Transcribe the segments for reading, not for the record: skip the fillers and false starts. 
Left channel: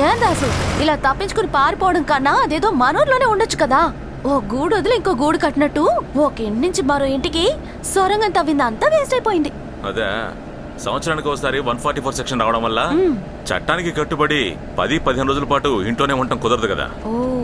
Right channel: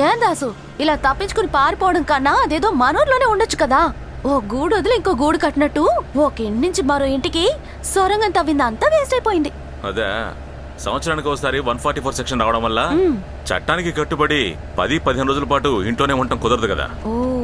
ఏం దాసు, ఇలా తప్పించుకుని పారిపోవడం కన్నా అదేదో మనూర్లోనే ఉండొచ్చు కదా. ఓ గూడు వదిలి ఇంకో గూడు కట్టినట్టు ఒక ఇంటి నుంచి మరో ఇంటికి సొరంగం తవ్విందంతా వేస్ట్ అయిపోయింది. అదే సంవత్సరానికి ఒకసారి 144 సెక్షన్ రావడం వల్ల చట్టానికి కట్టుబడి 10-15 రోజుల పాటు ఇంట్లోనే ఉండటం కుదరదు కదా.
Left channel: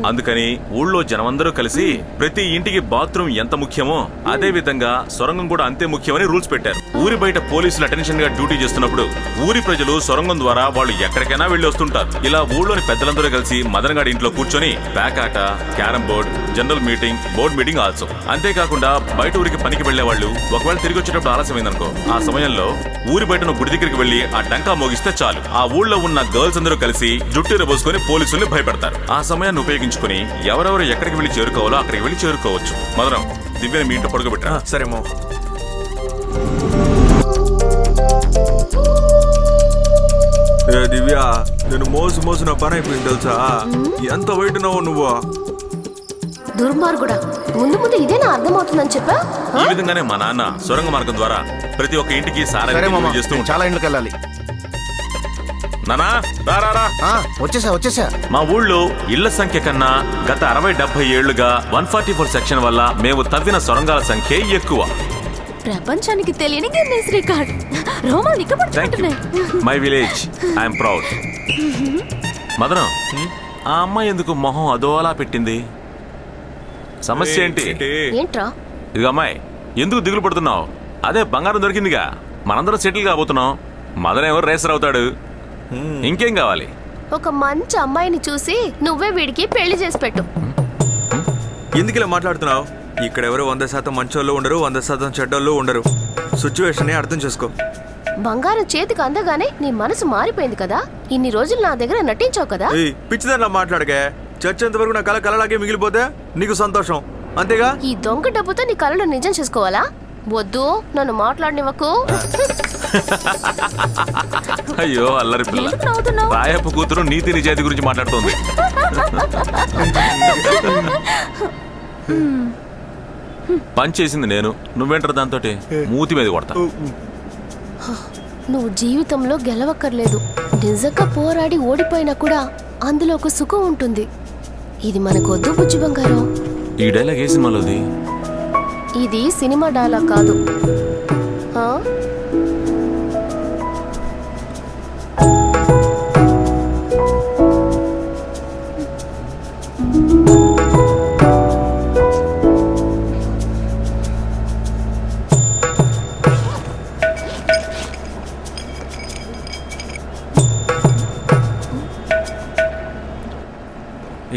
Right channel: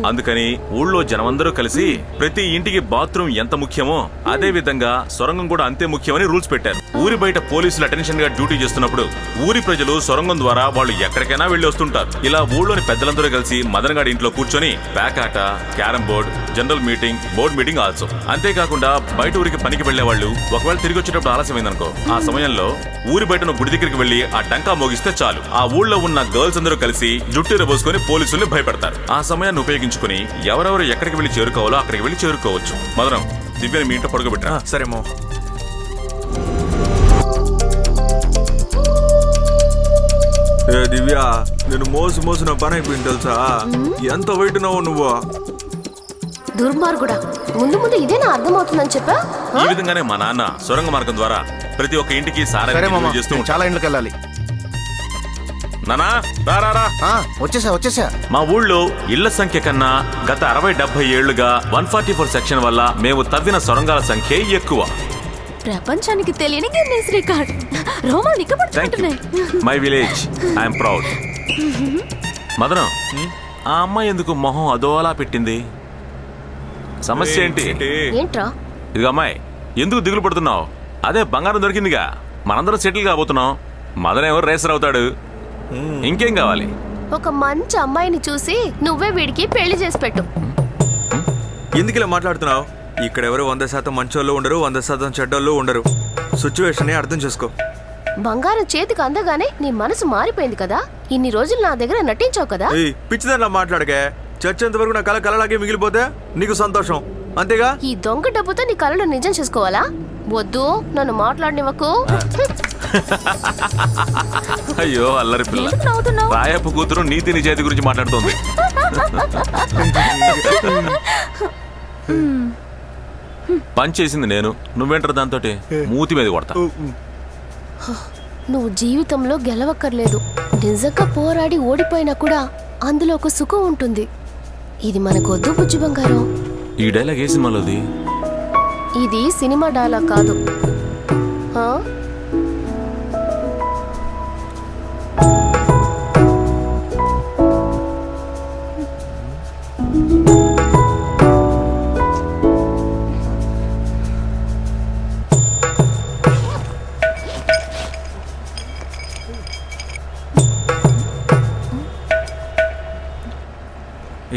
అందుకని ఊళ్ళో జనమందరూ కలిసి ప్రతి ఇంటికి బాత్రూమ్ ఎంత ముఖ్యమో అదే విధంగా సొరంగం కూడా అంతే ముఖ్యమని రూల్స్ పెట్టారు. ఊరి బయట పోలీసులు అటెన్షన్ గా డ్యూటీ చేస్తున్నప్పుడు ఊరి ప్రజలు సొరంగం ద్వారా వాళ్ళు ఎక్కడికైనా వెళ్లి వస్తుంటారు. ఇలా ఊళ్ళోని పెద్దలందరూ కలిసి మదన్ గారి ఇంట్లో కూర్చొని ప్యాకాట, carrom board, general meeting, board meeting also. అంతేకాకుండా బయట ఊరికి పనికి వెళ్లే వాళ్ళు ఒకవేళ తిరిగి వచ్చేటప్పుడు ఆలస్యమైందనుకో, ఆ సమయంలో ఊరి బయట గుడి దగ్గరికి వెళ్లి ఆ డంకా మోగిస్తే చాలు, ఆ ఊళ్ళో ఉన్న గర్ల్స్ అందరూ కలిసి జుట్టు రబోసుకుని పోలీసుల్ని భయపెడతారు. ఆ సమయాన్ని ఉపయోగించుకుని ఎవరెవరు ఎక్కడికి వెళ్లి చేరుకోవాలో అక్కడికి వెళ్లి చేరుకోవచ్చు. మదనం, దివ్యని మీ ఇంట్లో పడుకోబెట్టరా. సరేమో. ఏ దివ్య, నేను మోసు నా పని అయిపోయింది తెలుసా. ఎంత వెయిట్ ఉన్నావు నువ్వు. దుర్మార్గుడా, ముందు ఇదేనా అర్థమవుతుందని చెప్పా. ఈ విధంగానే మా నాన్న సొరంగ మార్గం ద్వారా ప్రతి ఒక్క ఇంటికి చేస్తూ చాలా ఇంట్లోకి వెళ్ళాలి. నానా రా. వచ్చేసా. మా ఊళ్ళో ఇళ్ల సంఖ్య కన్నా గత 60-70 ఏళ్లుగా 144 సెక్షన్ వల్ల మేము తవ్విన సొరంగాల సంఖ్య ఎక్కువ. ప్రపంచానికి తెలియని గిన్నెస్ రికార్డ్. రోమాలు నిక్కబడుతున్నాయి. My village, I'm proud. మదనం, ఆ అమ్మాయి ఎందుకు మొహం అదోలా పెట్టింది? సమస్య ఏంటి? ఏంట్రా? ఇదిగో అమ్మాయి, ఎందుకు దిగులు పడుతున్నావు? అదే బంగారం దొరికిందిగా, మనందరం సెటిల్ కాబోతున్నాం. మదన్ ఎవరు రేసర్ అవుతాడు, ఇంకేం కావాలి? ఒక మంచి అమ్మాయిని చూసి నువ్వే వీడికి పెళ్లి చేసి పెట్టు. ఎందుకు ఇలా మాట్లాడుతున్నావు? ఇక్కడ ఎవరు 100% మంచోళ్ళు ఉండరు, 100% చెడ్డోళ్ళు ఉండరు. సిచ్యువేషన్ అర్థం చేసుకో. బంగారం చేతికి అందగానే నీ మనసు మారిపోయింది కదా. ఇన్ని రోజులు నా దగ్గర నటించావు కదా. పిచ్చిదానిలా మాట్లాడకే. చచ్చేంత వరకు నా కళ కళలాగే మిగిలిపోతే నీకు సంతోషం, అంతేగా? ఈ దొంగ డబ్బుతో నీ కళలు నిజం చేసుకోవాలా? వద్దు, నన్ను మాట్లాడనివ్వకు. అయ్యో అల్లరి పిల్ల, రాయప్ప కూతురు నీతి నిజాయితీ గురించి మాట్లాడుతోంది. పని చేసింది నేను, నువ్వేంటారు దాంతో మూతి మీద కొడతా. నువ్వు జీవితంలో గెలవక్కర్లేదు. నిజంగా పోరాడి ఓడిపోయినా కూడా అందులో ఒక సుఖం ఉంటుంది. ఇది మనకు వద్దు బుజ్జి బంగారం. ఈ డైలాగ్ ఏ సినిమాలోది? ఇది సినిమా డైలాగ్ కాదు.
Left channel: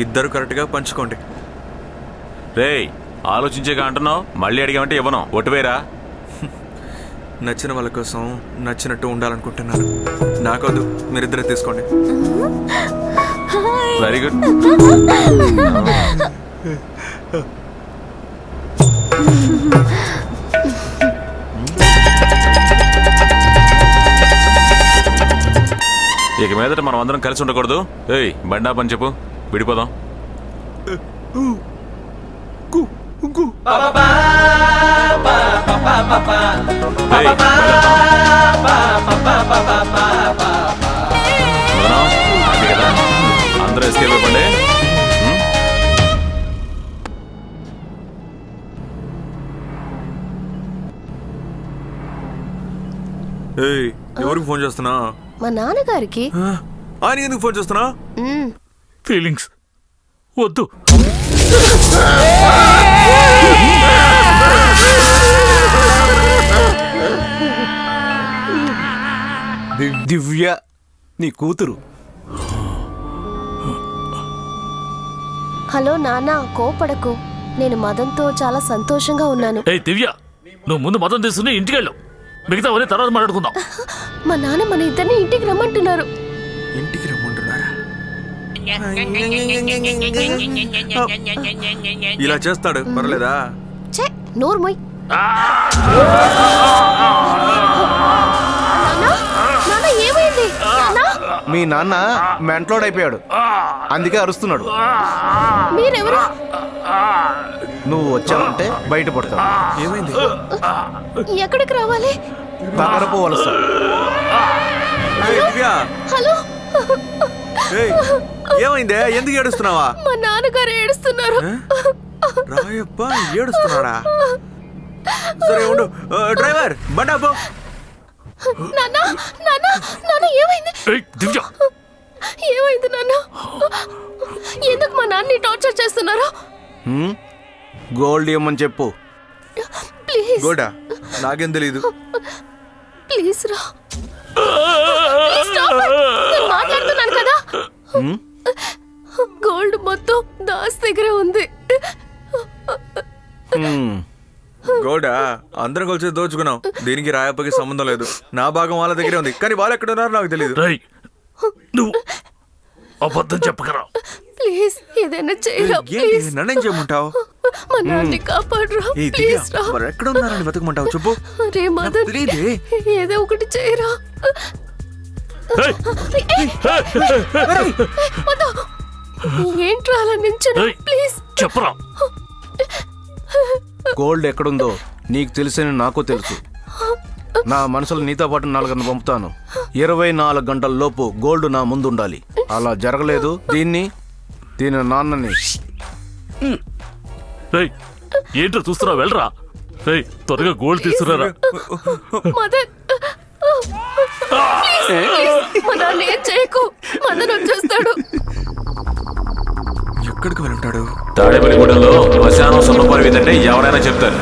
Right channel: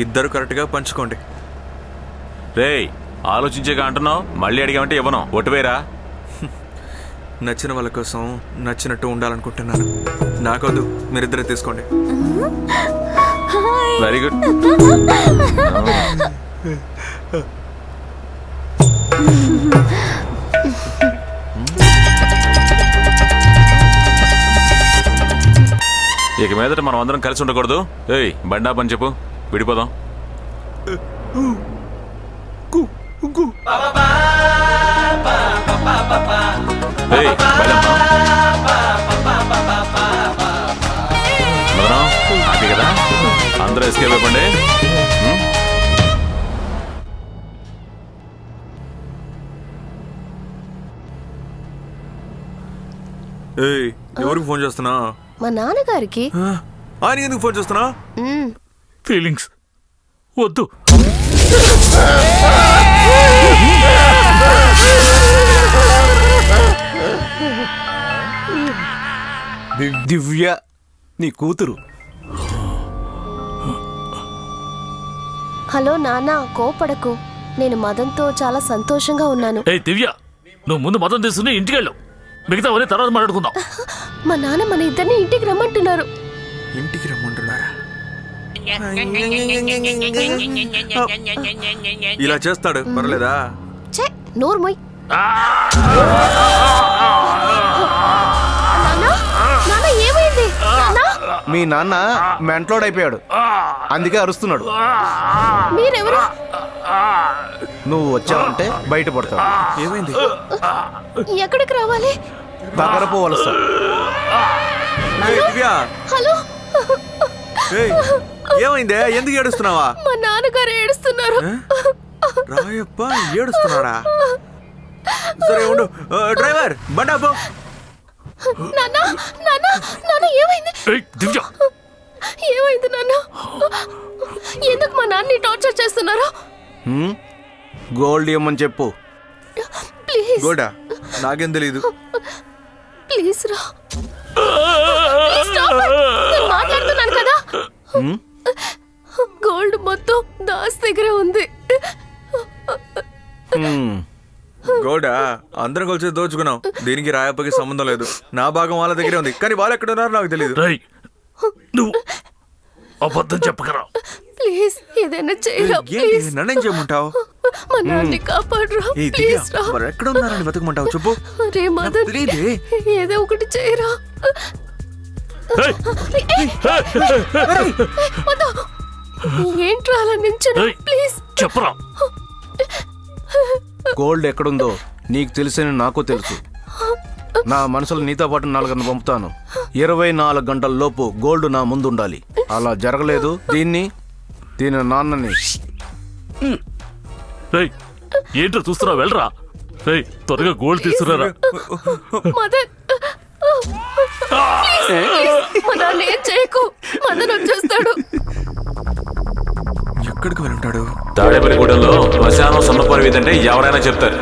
ఇద్దరు కరెక్ట్ గా పంచుకోండి. రేయ్, ఆలోచించేగా అంటున్నావు, మళ్ళీ అడిగామంటే ఇవ్వను. ఒట్టువేరా. నచ్చిన వాళ్ళ కోసం నచ్చినట్టు ఉండాలనుకుంటున్నాను. నాకొద్దు, మీరిద్దరే తీసుకోండి. Very good. ఇక మీదట మనం అందరం కలిసి ఉండకూడదు. ఏయ్, బండా పని చెప్పు, విడిపోదాం. ఏయ్, బయలుదేద్దాం. మదనం, హ్యాపీ కదా? అందరూ ఎస్కేప్ అయిపోండి. ఏయ్, ఎవరికి ఫోన్ చేస్తున్నా? మా నాన్నగారికి. ఆయన ఎందుకు ఫోన్ చేస్తున్నా? ఫీలింగ్స్ వద్దు. దివ్య నీ కూతురు. హలో నాన్న, కోపడకు. నేను మదన్తో చాలా సంతోషంగా ఉన్నాను. ఏ దివ్య, నువ్వు ముందు మదన్ తీసుకుని ఇంటికి వెళ్ళు, మిగతా అవన్నీ తర్వాత మాట్లాడుకుందాం. మా నాన్న మన ఇద్దరిని ఇంటికి రమ్మంటున్నారు. ఇంటికి రమ్మంటున్నారా? ఇలా చేస్తాడు, పర్లేదా? నోరు మొయ్. ఏమైంది? మీ నాన్న మెంట్లోడ్ అయిపోయాడు, అందుకే అరుస్తున్నాడు. మీరెవరు? నువ్వు వచ్చావంటే బయటపడతావు. ఏమైంది? ఎక్కడికి రావాలి? దగ్గర పోవలసా. హలో, ఏయ్, ఏమైందే? ఎందుకు ఏడుస్తున్నావా? మా నాన్నగారు ఏడుస్తున్నారు. రాయప్ప ఏడుస్తున్నాడా? సరే ఉండు. డ్రైవర్ బండి ఆపు. నాన్న నాన్న నాన్న ఏమైంది? ఏయ్, దివ్య ఏమైంది నాన్న? ఎందుకు మా నాన్నని టార్చర్ చేస్తున్నారు? గోల్డ్ ఇవ్వమని చెప్పు. ప్లీజ్ గోడా నాకేం తెలీదు. ప్లీజ్ రా. Please stop it. నేను మాట్లాడుతున్నాను కదా. గోల్డ్ మొత్తం దాస్ దగ్గరే ఉంది. గోడా అందరం కలిసి దోచుకున్నాం. దీనికి రాయప్పకి సంబంధం లేదు. నా భాగం వాళ్ళ దగ్గరే ఉంది, కానీ వాళ్ళు ఎక్కడ ఉన్నారో నాకు తెలియదు. రేయ్, నువ్వు అబద్ధం చెప్పకరా. ప్లీజ్ ఏదైనా చేయరా. ఏంటి ప్లీజ్ నన్నేం చేయమంటావు? మా నాన్నని కాపాడరా. ఏ దివ్య, ప్లీజ్ రా. మరి ఎక్కడ ఉన్నారని వెతకమంటావు చెప్పు. రే మదన్, తెలీదే. ఏదో ఒకటి చేయరా. ఏయ్, వద్దు. ఏంట్రా అలా నించున్నా? ఏయ్, ప్లీజ్ చెప్పరా. గోల్డ్ ఎక్కడుందో నీకు తెలుసని నాకు తెలుసు. నా మనసులో నీతో పాటు 4 పంపుతాను. 24 గంటల లోపు గోల్డ్ నా ముందు ఉండాలి. అలా జరగలేదు, దీని నాన్నని. రేయ్, ఏంట్రా చూస్తున్నావు? వెళ్ళరా. రేయ్, త్వరగా గోల్డ్ తీసుకురారా. మదన్, మా నాన్న ఏం చేయకు. మదన్ వచ్చేస్తాడు. ఎక్కడికి వెళ్ళుంటాడు? తాడేపల్లిగూడెంలో శ్మశానం సొన్నపరి వీధంటే ఎవరైనా చెప్తారు.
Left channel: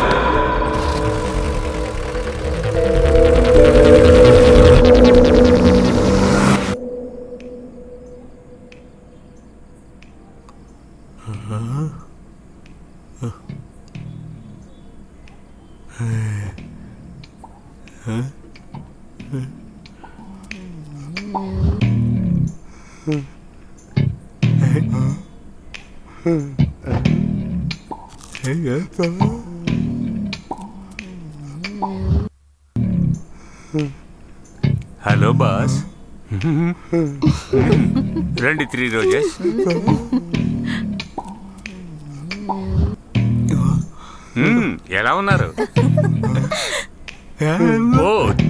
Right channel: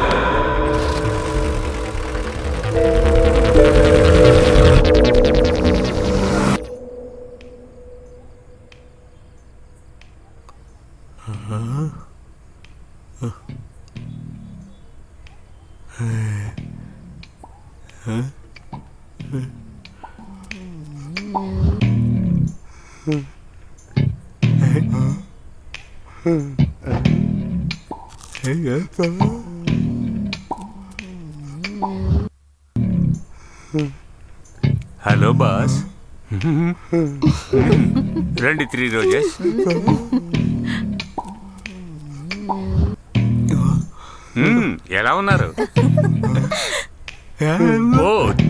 Hello boss. రండి 3 రోజెస్. ఎలా ఉన్నారు? ఓ,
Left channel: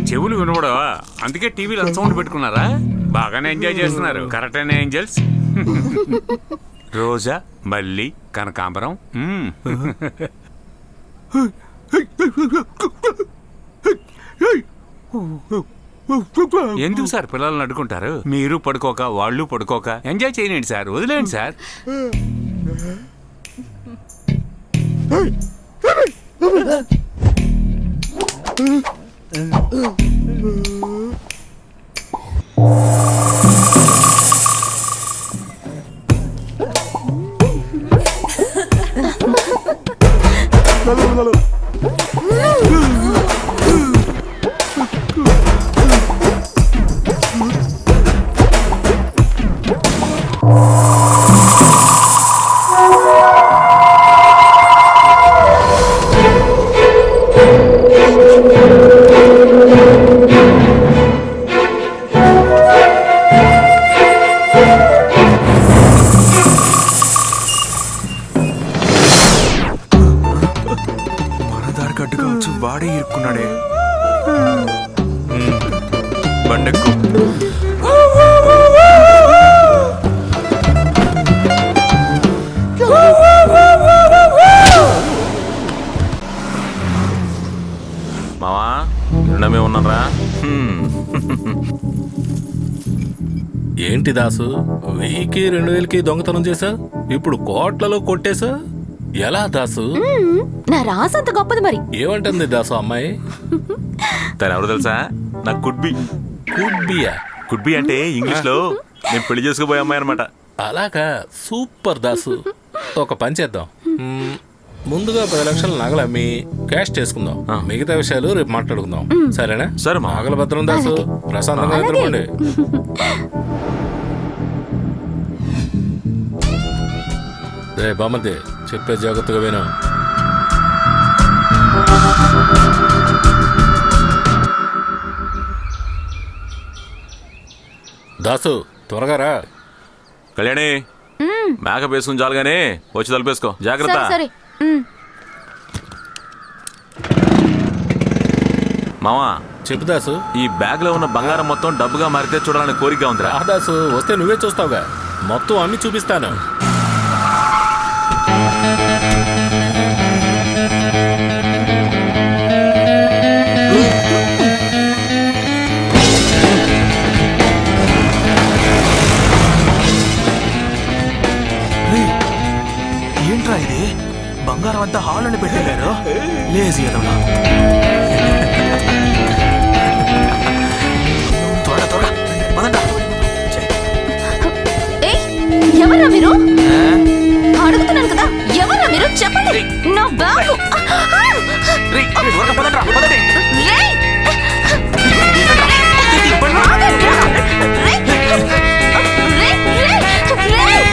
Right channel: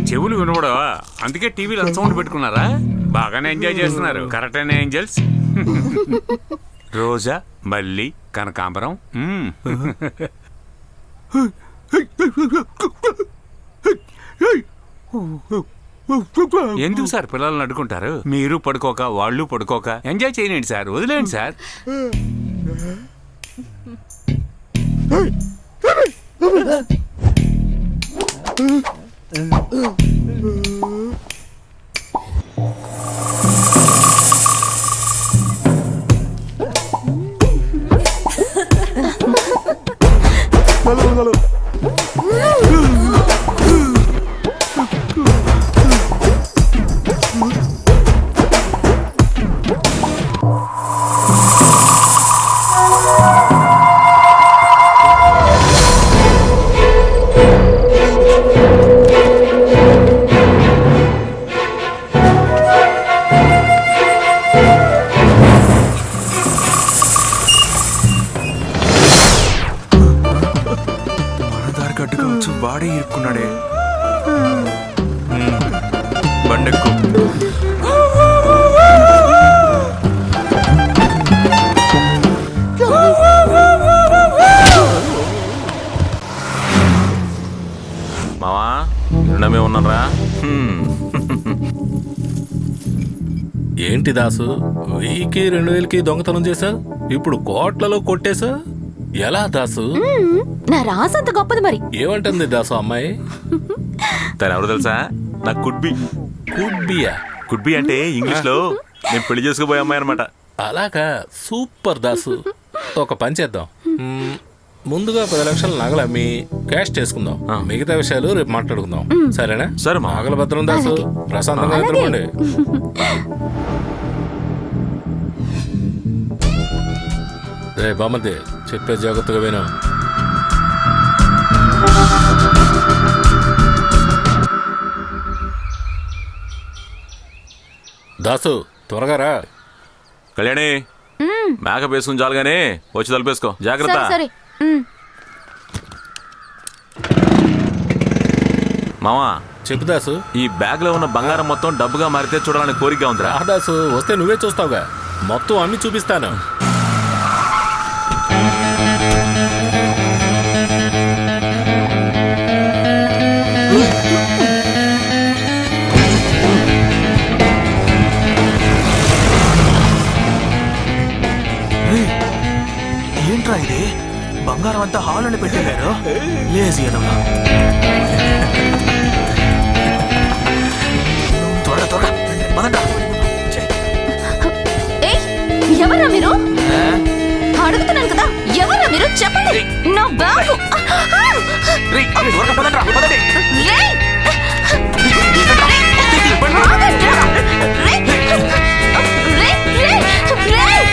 చెవులు వినబడవా? అందుకే టీవీలో సౌండ్ పెట్టుకున్నారా? బాగానే ఎంజాయ్ చేస్తున్నారు. కరెక్టేనా ఏంజల్స్? రోజా, మల్లి, కనకాంబరం. ఎందుకు సార్ పిల్లల్ని అడ్డుకుంటారు? మీరు పడుకోక వాళ్ళు పడుకోక ఎంజాయ్ చేయలేండి సార్. వదిలేండి సార్. మన దారి కట్టుగా వచ్చి వాడే ఇరుక్కున్నాడే. బండెక్కు. మావా నిన్నమే ఉన్నారా? ఏంటి దాసు, 1000కి 2000కి దొంగతనం చేసా, ఇప్పుడు కోట్లలో కొట్టేశా. ఎలా దాసు? నా రాసంత గొప్పది మరి. ఏమంటుంది దాసు అమ్మాయి? తను ఎవరు తెలుసా? నా కుడ్బి. కుడ్బియా? కుడ్బి అంటే ఇంగ్లీష్ లో నేను పెళ్లి చేసుకోబోయే అమ్మాయి అనమాట. అలాగా, సూపర్ దాసు. ఒక పని చేద్దాం. ముందుగా 10 లక్షల నగలు అమ్మి క్యాష్ చేసుకుందాం. మిగతా విషయాలు రేపు మాట్లాడుకుందాం. సరేనా? సరే మా. నగల భద్రం దాసు. ప్రశాంతంగా నిద్రపోండి. రే బామర్ది, చెప్పే జాగ్రత్తగా విను. దాసు త్వరగా రా. కళ్యాణి మేకప్ వేసుకుని చాలుగానే వచ్చి తలుపేసుకో. జాగ్రత్త. సరే మావా చెప్పు దాసు. ఈ బ్యాగ్ లో ఉన్న బంగారం మొత్తం డబ్బుగా మారితే చూడాలని కోరికగా ఉందిరా. రా దాసు, వస్తే నువ్వే చూస్తావుగా. మొత్తం అమ్మి చూపిస్తాను. ఏంట్రా ఇది? బంగారం అంతా హాల్ అని పెట్టారు. లేజీ ఎదవలా. త్వరగా త్వరగా పదండ్రా. ఏయ్, ఎవరా మీరు? అడుగుతున్నాను కదా, ఎవరా మీరు? చెప్పండి. నా బ్యాగు. రేయ్, త్వరగా పదండ్రా, పదండి. రేయ్! ఏంట్రా? తీతి, బండి. ఆగండ్రా! రేయ్! రేయ్! రేయ్! రేయ్!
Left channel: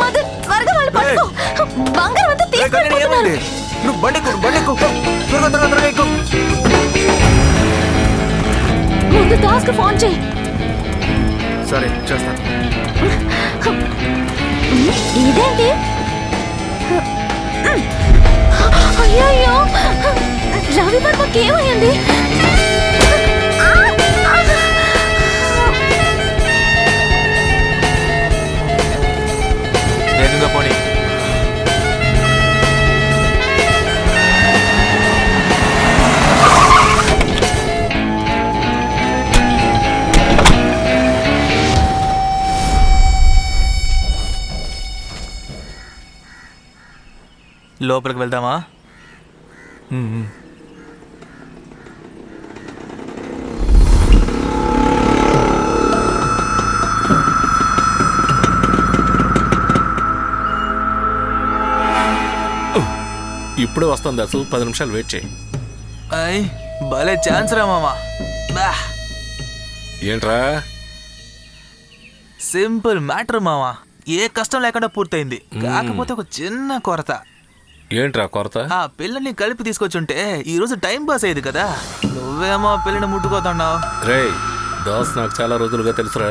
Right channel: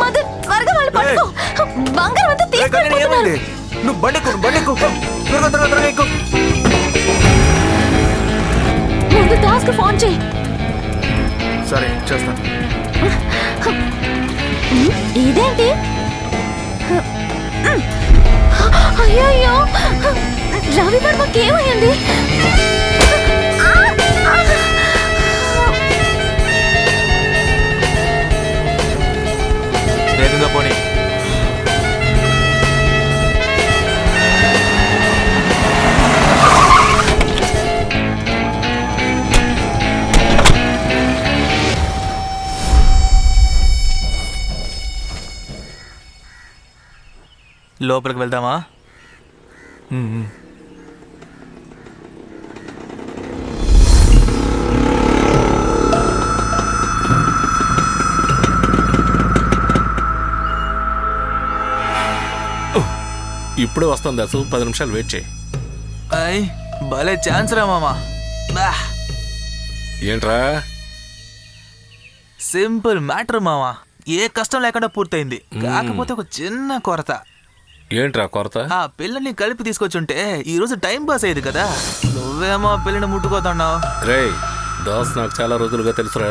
మదర్, త్వరగా వాళ్ళు పట్టుకో. బంగారం అంతా రేయ్, కళ్యాణి, తీసుకెళ్ళిపోతున్నారు. ఏమైంది? నువ్వు బండెక్కు. త్వరగా త్వరగా త్వరగా ఎక్కు. ముందు దాస్కి ఫోన్ చేయి. సరే చేస్తాను. ఇదేంటి? అయ్యో, రవి వర్మకి ఏమైంది? వేగంగా పోనీ. లోపలికి వెళ్దామా? ఇప్పుడే వస్తాను దాసు, 10 నిమిషాలు వెయిట్ చేయి. అయ్, భలే ఛాన్స్ రా మామా. బా, ఏంట్రా? సింపుల్ మ్యాటర్ మామా. ఏ కష్టం లేకుండా పూర్తయింది. కాకపోతే ఒక చిన్న కొరత. ఏంట్రా కొరత? ఆ పిల్లని కలిపి తీసుకొచ్చుంటే ఈ రోజు టైం పాస్ అయ్యేది కదా. నువ్వేమో ఆ పిల్లని ముట్టుకోతున్నావు. రేయ్, దాస్ నాకు చాలా రోజులుగా తెలుసురా.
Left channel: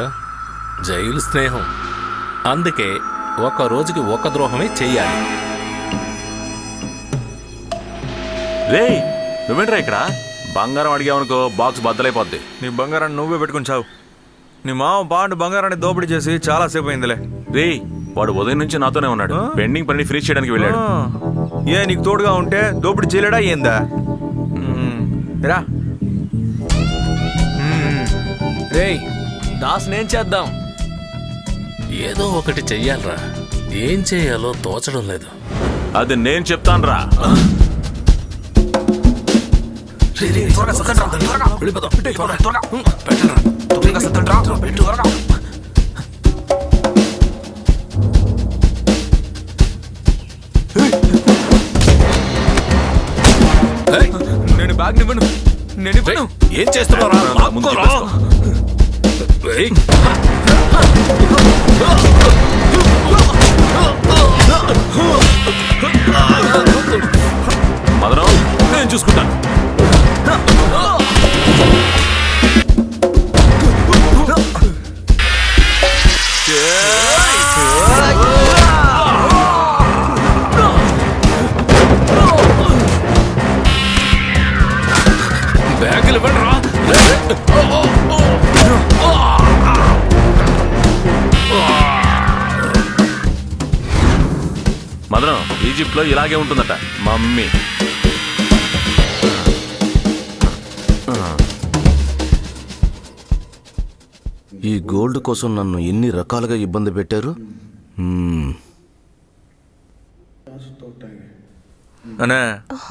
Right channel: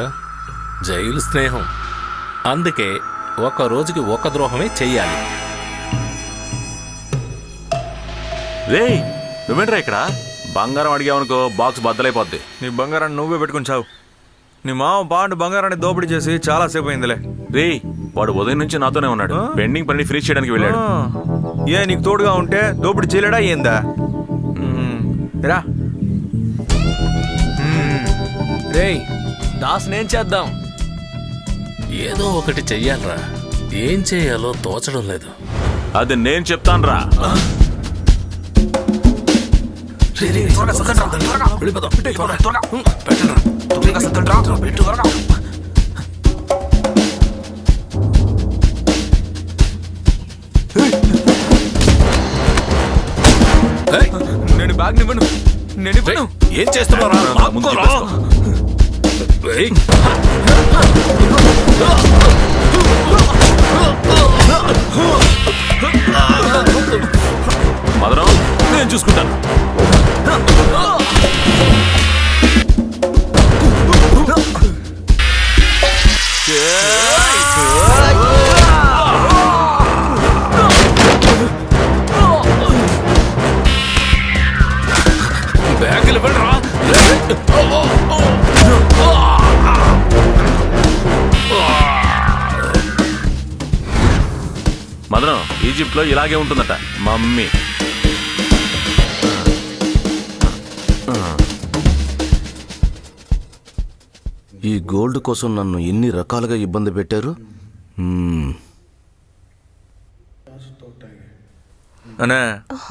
జైలు స్నేహం. అందుకే ఒక రోజుకి ఒక ద్రోహమే చెయ్యాలి. రేయ్, నువ్వేంట్రా ఇక్కడ? బంగారం అడిగావనుకో బాక్స్ బద్దలైపోద్ది. నీ బంగారాన్ని నువ్వే పెట్టుకుని చావు. నీ మామ బాండు బంగారాన్ని దోపిడీ చేసి చాలా సేపు అయిందిలే. రేయ్, వాడు ఉదయం నుంచి నాతోనే ఉన్నాడు. పెండింగ్ పని ఫినిష్ చేయడానికి వెళ్ళాడు. ఏ నీకు తోడుగా ఉంటే దోపిడీ చేయలేడా ఏందా? రా. రేయ్, దాస్ నేను చేద్దాం. ఏదో ఒకటి చెయ్యాలరా. ఏం చేయాలో తోచడం లేదు. అది నేను చెప్తానురా. నేను బ్యాగ్ నివ్వను. నేను ఇవ్వను. ఏం చేస్తున్నారా? ముందు చెప్పేసుకో. మదనం, నేను చూసుకుంటాను. బ్యాగులు ఇవ్వండి రా. మదనం, ఈజిప్ట్ లో ఇలాగే ఉంటుందట మమ్మీ. ఈ గోల్డ్ కోసం నన్ను ఎన్ని రకాలుగా ఇబ్బంది పెట్టారు. అనే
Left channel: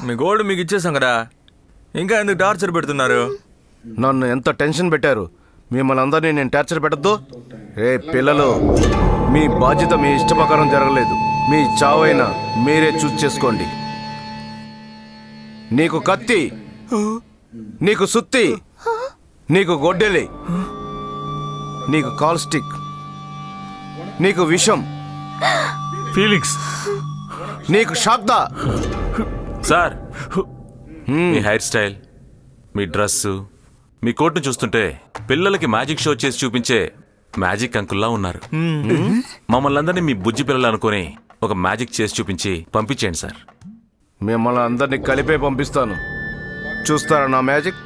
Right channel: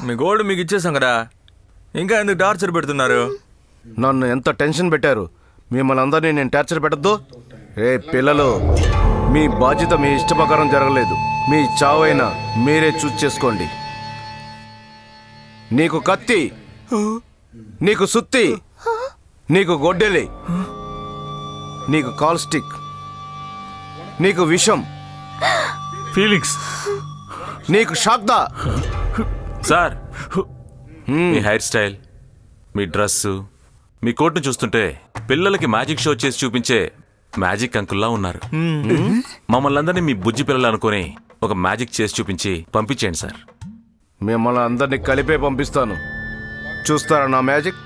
మీ గోల్డ్ మీకు ఇచ్చేసాం కదా, ఇంకా ఎందుకు టార్చర్ పెడుతున్నారు? నన్ను ఎంత టెన్షన్ పెట్టారు. మిమ్మల్ని అందరినీ నేను టార్చర్ పెట్టద్దు. రే పిల్లలు, మీ బాధ్యత మీ ఇష్ట ప్రకారం జరగలేదు. మీ చావైనా మీరే చూస్ చేసుకోండి. నీకు కత్తి, నీకు సుత్తి, నీకు గొడ్డలి, నీకు కాల్ స్టిక్, నీకు విషం, ఫీలింగ్స్. నీకు షాక్దా. సార్, మీ హెయిర్ స్టైల్, మీ డ్రెస్సు, మీ కోట్ను చూస్తుంటే పిల్లలకి మ్యాజిక్ షో చేసి చూపించే మ్యాజిక్ అంకుల్లా ఉన్నారు. మమ్మల్ని అందరినీ మీ బుజ్జి పిల్లలు అనుకుని ఒక మ్యాజిక్ చేసి చూపించి పంపించేయండి సార్. మిమ్మల్ని అందరినీ కలిపే పంపిస్తాను. చూస్తారా నా మ్యాజిక్?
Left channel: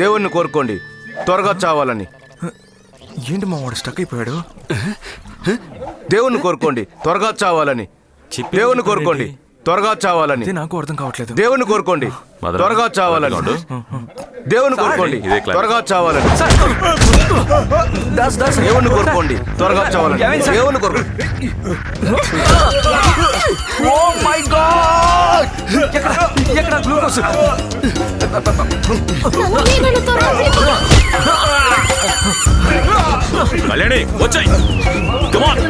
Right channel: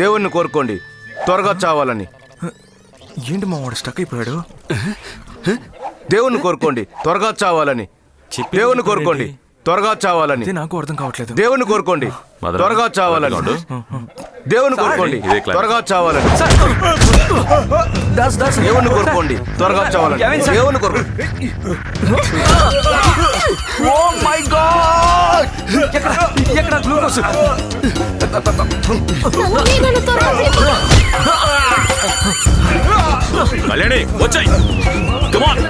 దేవుణ్ణి కోరుకోండి త్వరగా చావాలని. ఏంటి మా వాడు స్టక్ అయిపోయాడు? దేవుణ్ణి కోరుకోండి త్వరగా చావాలని. దేవుణ్ణి కోరుకోండి త్వరగా చావాలని. ఇది నాకు అర్థం కావట్లేదు. దేవుణ్ణి కోరుకోండి మదన, త్వరగా చావాలని. దేవుని కోరుకోండి ఇదే క్లాస్. త్వరగా చావాలని. దేవుని కోరుకోండి త్వరగా చావాలని. దేవుని కోరుకోండి. Oh my God! ఎక్కడ గ్లూకోజ్? నన్ను త్వరగా పిలుపు. కళ్యాణి వచ్చాయి. కమాన్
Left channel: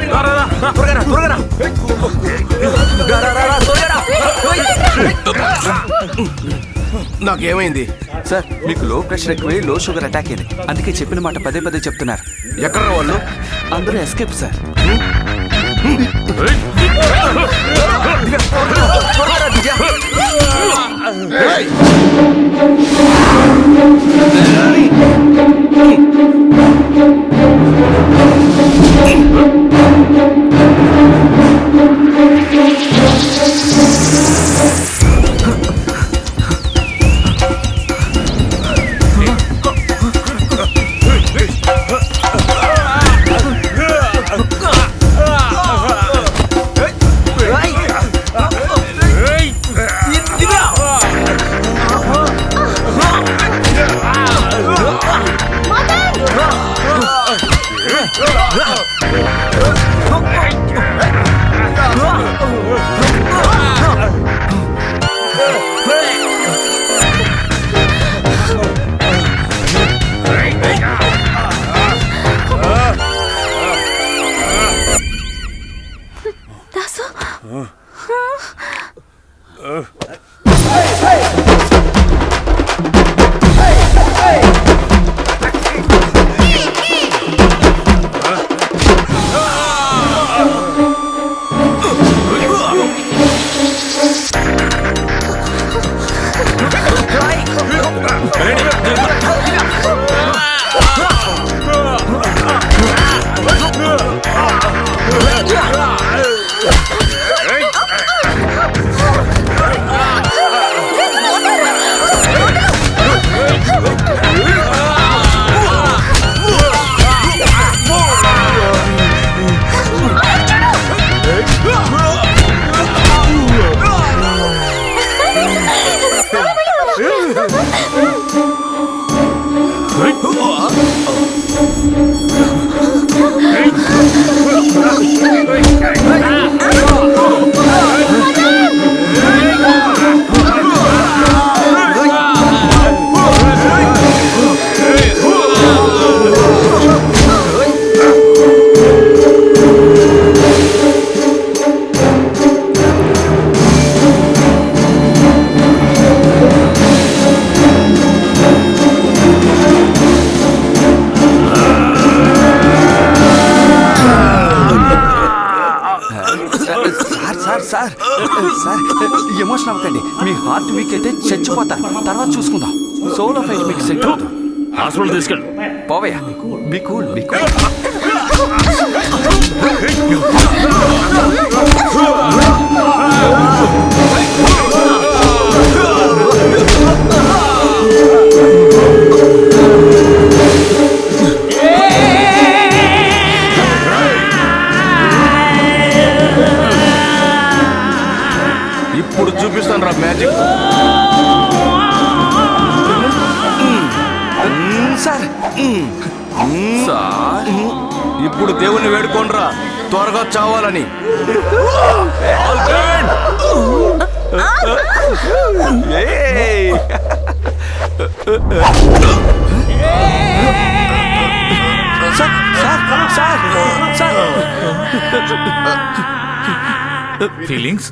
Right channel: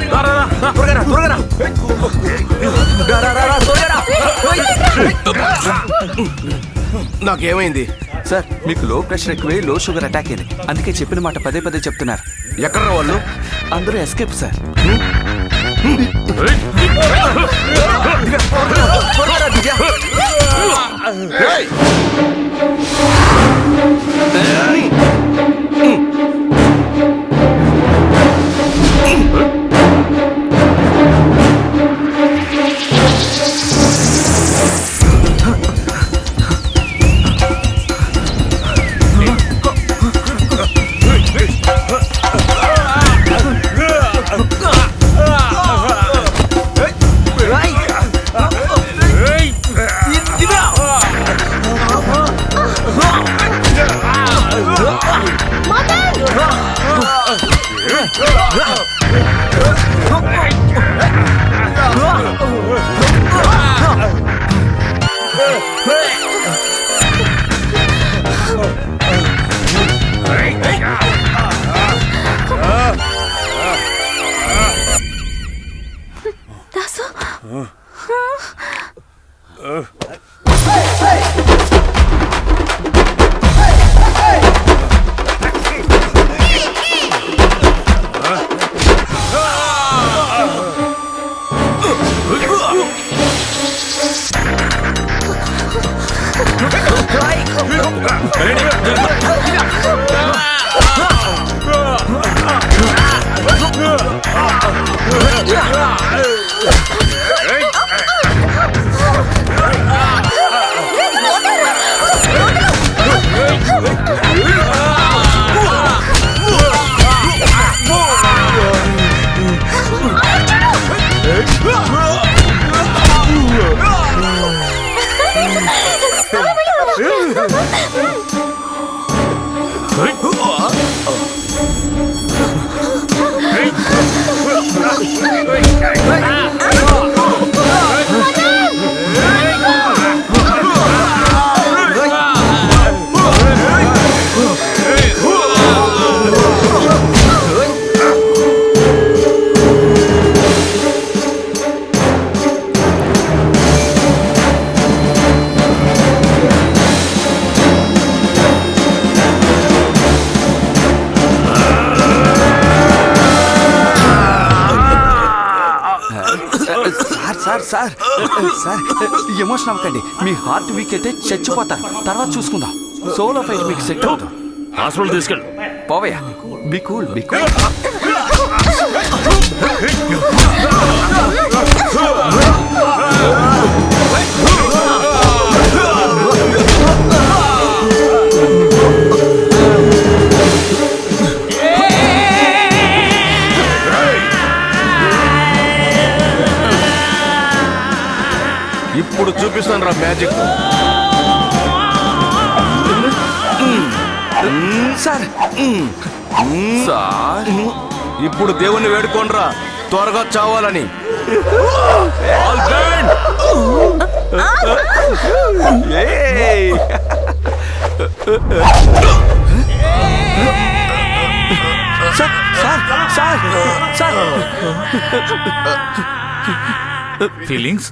నాకేమైంది? సార్ మీకు లో ప్రెషర్ ఎక్కువై లో షుగర్ అటాక్ అయింది. అందుకే చెప్పిన మాట పదే పదే చెప్తున్నారు. ఎక్కడ వాళ్ళు? అందరూ ఎస్కేప్ సార్. రేయ్! Dasu sir sir sir emotion అవ్వకండి. మీ హార్ట్ వీక్ అయితే చచ్చిపోతారు. తర్వాత చూసుకుందాం. సోలో ఫైట్ మీకు సెట్ అవుతుంది. హాస్పిటల్ తీసుకెళ్ళు. పోవయ్యా. Be cool, be cool. ఇప్పుడు చూపిస్తాను రా మ్యాజిక్. సార్ సార్ ఇప్పుడు దేవుణ్ణి వేడుకోండ్రా త్వరగా చావాలని. Sir sir sir sir feelings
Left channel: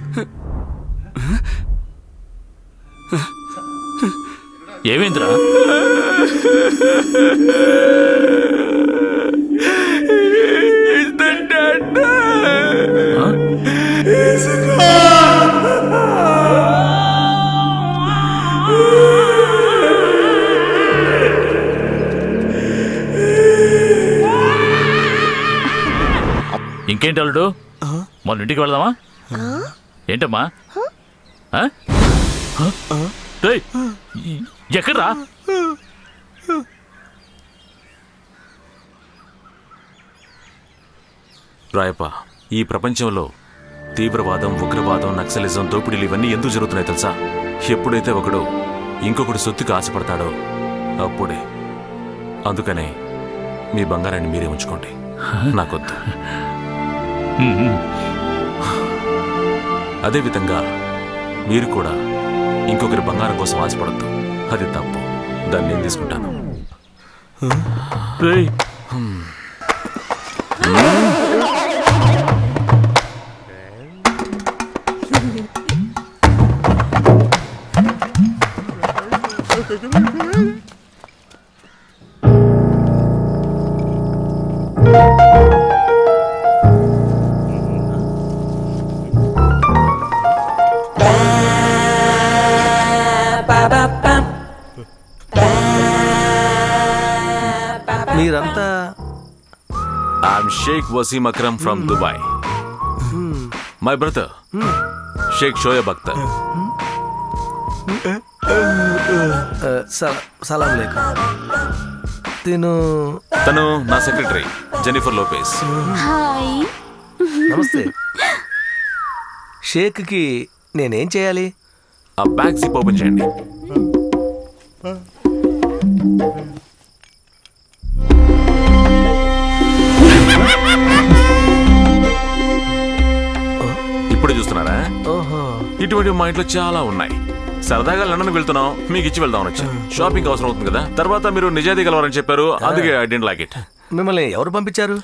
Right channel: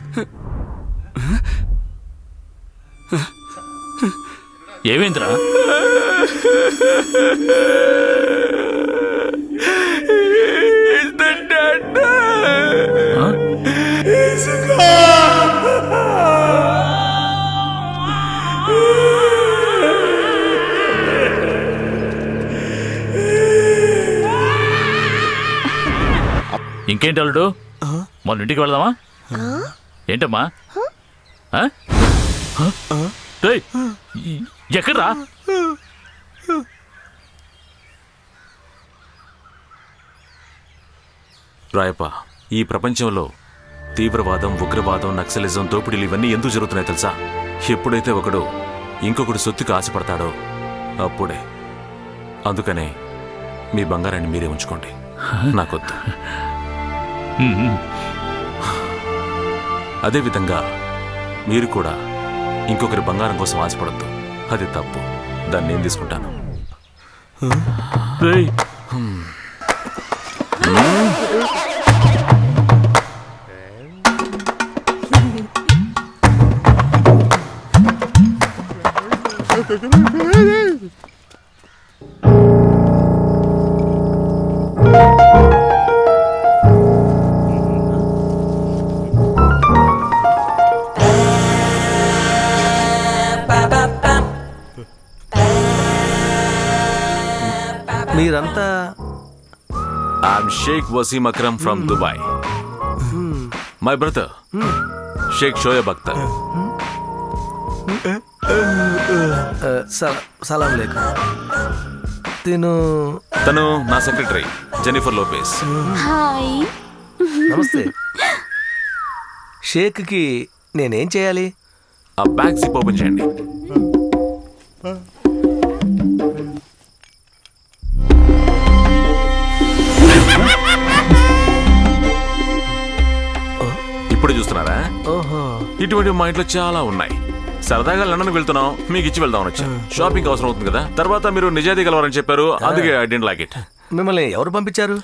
ఏమైందిరా? ఇంకేంటి అల్లుడు, మన ఇంటికి వెళ్దామా? ఏంటమ్మా ఆ? ఏయ్, ఎక్కడ్రా? రాయప్ప, ఈ ప్రపంచంలో తీవ్రవాదం, ఉగ్రవాదం, నక్సలిజం, దోపిడీలు ఇవన్నీ ఎందుకు జరుగుతున్నాయి తెలుసా? ఎప్పుడైతే ఒకడు ఇంకొకడు సొత్తుకు ఆశపడతాడో అప్పుడే. అందుకనే మీ బంగారాన్ని మీరే ఉంచుకోండి, నాకొద్దు. అదేవిధంగా మీరు కూడా ఇంకొకరి బంగారం కోసం ఆశపడద్దు, అది తప్పు. దాన్ని నేను తీసుకుంటాను. రేయ్, మీరంతా I'm Sheikh Wasim Akram from Dubai. My brother Sheikh Shoaib Akhtar. సలాం లేక తను నా సెక్రటరీ జెనిఫర్ లోపేస్. హాయ్. నమస్తే. షేక్కి నేనేం చేయాలి? ఆ బ్యాగ్ జిప్ ఓపెన్ చేయండి. ఇప్పుడు చూస్తున్నారా? ఓహో, ఇటువంటి మా ఇంట్లో చాలా ఉన్నాయి. సరదాగా లండన్ వెళ్తున్నాం, మీకు ఇచ్చి వెళ్దామని వచ్చా. షాపింగ్ అవసరం అవుతుంది కదా. తర్వాత మీరు నిజాయితీ గలవారని చెప్పారు, అందుకే ఐ డెంట్ లైక్ ఇట్. మిమ్మల్ని ఎవరు పంపించారు?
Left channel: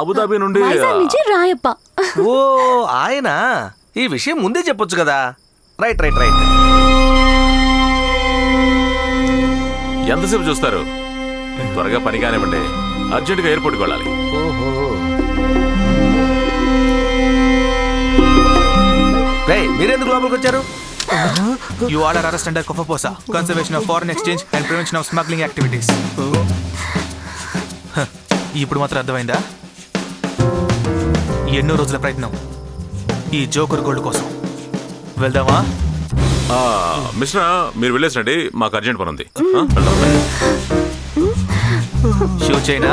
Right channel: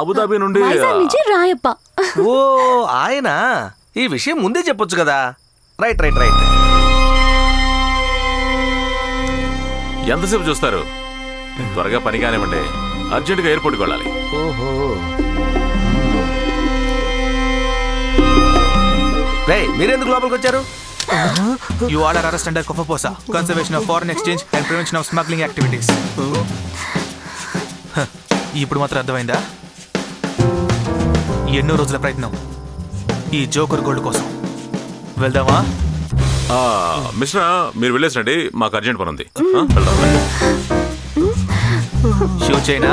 అబుదాబి నుండి. వైజాగ్ నుంచి రాయప్ప. ఓ, ఆయన. ఈ విషయం ముందే చెప్పొచ్చు కదా. Right right right. ఎంతసేపు చూస్తారు? త్వరగా పని కానివ్వండి, అర్జెంటుగా ఎయిర్పోర్ట్కి వెళ్ళాలి. ఓహో. రేయ్, మీరెందుకు లోపలికి వచ్చారు? You all are arrested under COFAPOSA, Conservation of Foreign Exchange and Prevention of Smuggling Activities. ఇప్పుడు మాత్రం అర్థమైందా? ఎన్నో రోజుల ప్రయత్నం ఈ జోకర్ గోల్డ్ కోసం. వెళ్దామా? మిస్టర్, మీరు వెళ్ళేసండి, మాకు అర్జెంట్ పని ఉంది. వెళ్దాం. Shoe China